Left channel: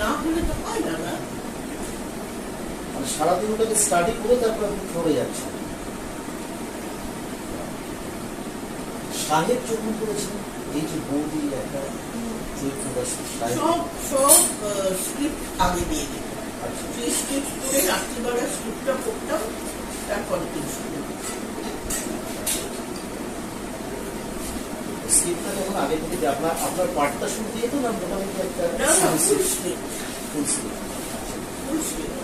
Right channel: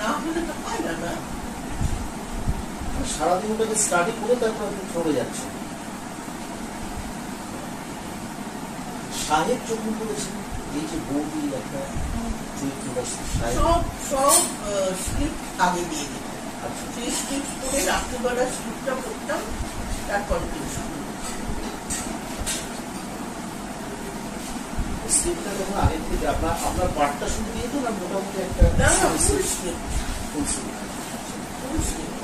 না হলে তো হয় না। মানে সারাদিন ওটাকে স্টাডি করে তারপর আপনি ফ্লোরে যাচ্ছেন। সাহেব যখন করেছেন এই যে বৌদি একটা চরিত্রটা সব স্ক্রিপ্ট আগে দিয়ে দিত। সেই স্ক্রিপ্ট করে রাত্রিবেলা স্ক্রিপ্টটা পড়তাম, তারপর স্ক্রিপ্টটা তখন আগে থেকে আপনার পার্টটা শুরু দিয়ে তো না মোটামুটি একটা ফুল স্ক্রিপ্ট।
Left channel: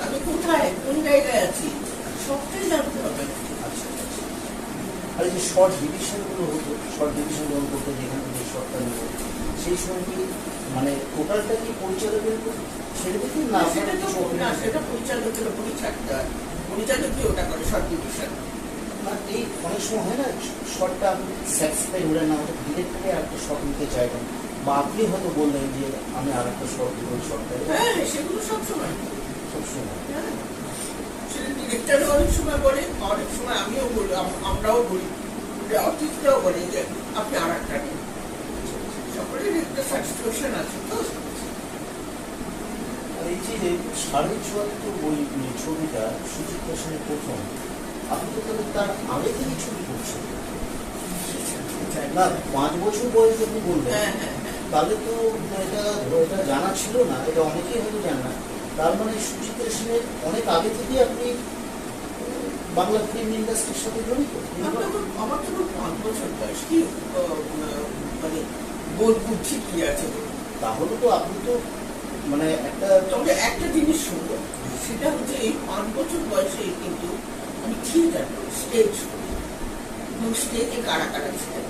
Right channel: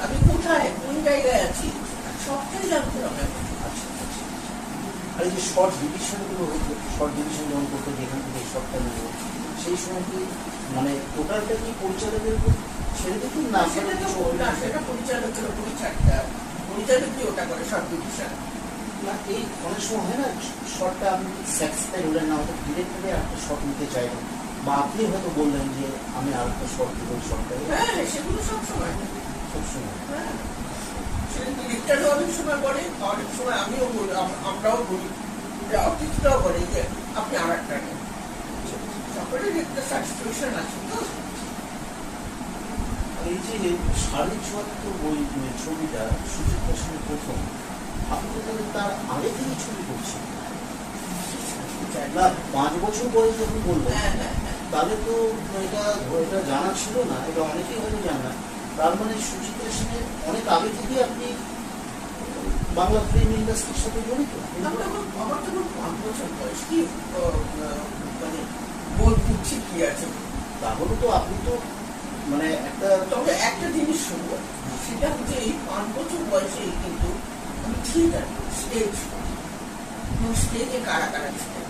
আমি কোথায় কোন জায়গায় আছি সবটাই জানতে হবে। আর এই যে শর্ট ডিভিশন গুলো হতো, শর্ট ডিভিশন যখন করতে যেখান থেকে শর্টটা নিয়ে সেই সময় কি মানে টোটালটা কি পরিচালকের ছেড়ে দিত না? সেটা পরিচালকের উপরই ছাড়তে হয়, পরিচালকই ওটা করে শর্ট ডিভিশন। না এই অনেক সময় হয় না শর্টটা আপনি স্যাটিসফাই হলেন না, ওটা ডিরেক্টলি আরেকটা শর্ট নিতে চাইলেন, বা আপনি হয়তো বললেন যে আমি আরেকটা শর্ট দিব শর্টটা। হ্যাঁ সেগুলো সবসময় ডিরেক্টরও অনেক সময় বলে, অনেক সময় আমিও বলি, আমরাও বলি, অতিথিরাও বলে যে আপনি আর একটা নেন। সকলে একটা সাবস্টিটিউশন আছে তো। আর এই যে শারীরিক চরিত্র বই ছবিটা সুচিত্রার সঙ্গে প্রথম, আপনি তো তাহলে তার আগে থেকে ছবি করছেন না? 5 বছর বয়স যখন বললেন তাহলে তো এটা জানা ছিল না, ওটা অনেকেই হয়তো জানে না। তার মানে সুচিত্রা সেনের অনেক আগে থেকে আপনি বাংলা ফিল্ম ইন্ডাস্ট্রির সাথে জড়িত। আমার তখন 5 বছর বয়স, কি মানে বোধ বুদ্ধি কি আছে? তাহলে তো আপনি তো মানে একটা, তবে একটা জিনিস শুনবো, সেটা হচ্ছে এই 5 বছর বয়সে কিন্তু আমি থিয়েটার স্টেজ এবং স্টেজে কারা কারা ছিলেন,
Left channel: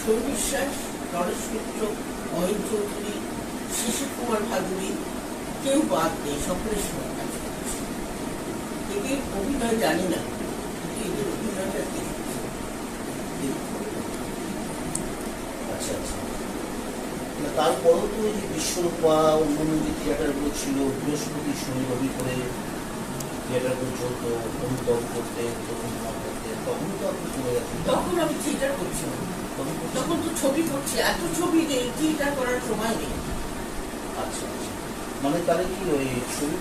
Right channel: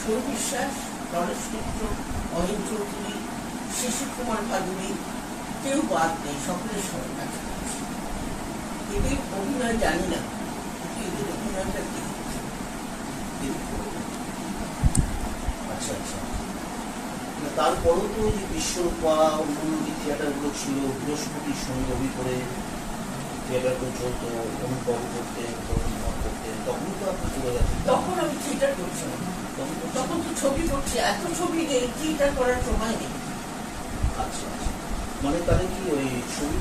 ছবি বিশ্বাস, নরেশ মিত্র, অহিন চৌধুরী, শিশির কুমার ভাদুরী, কেউ বাদ নেই, সকলের সঙ্গে কাজ করেছে। এদের অভিনয় জানি না, এদের অভিনয়টা কি। আচ্ছা আচ্ছা, তারপরেও তো বিশ্বরূপ বা অন্যান্য যে থিয়েটারগুলো ছিল, বৃহস্পতির সঙ্গে রবি করে থিয়েটারগুলো চলতো, অনুভব করতেন, অনুভব করতেন, তখনই তো আপনি করে যাচ্ছেন। তখন আমি থিয়েটার করছি না, তখন তো ছবি করছি, এত ছবি নেই, থিয়েটার করার সময় নেই। আচ্ছা আচ্ছা, মানে তাহলে কি ওই ছবি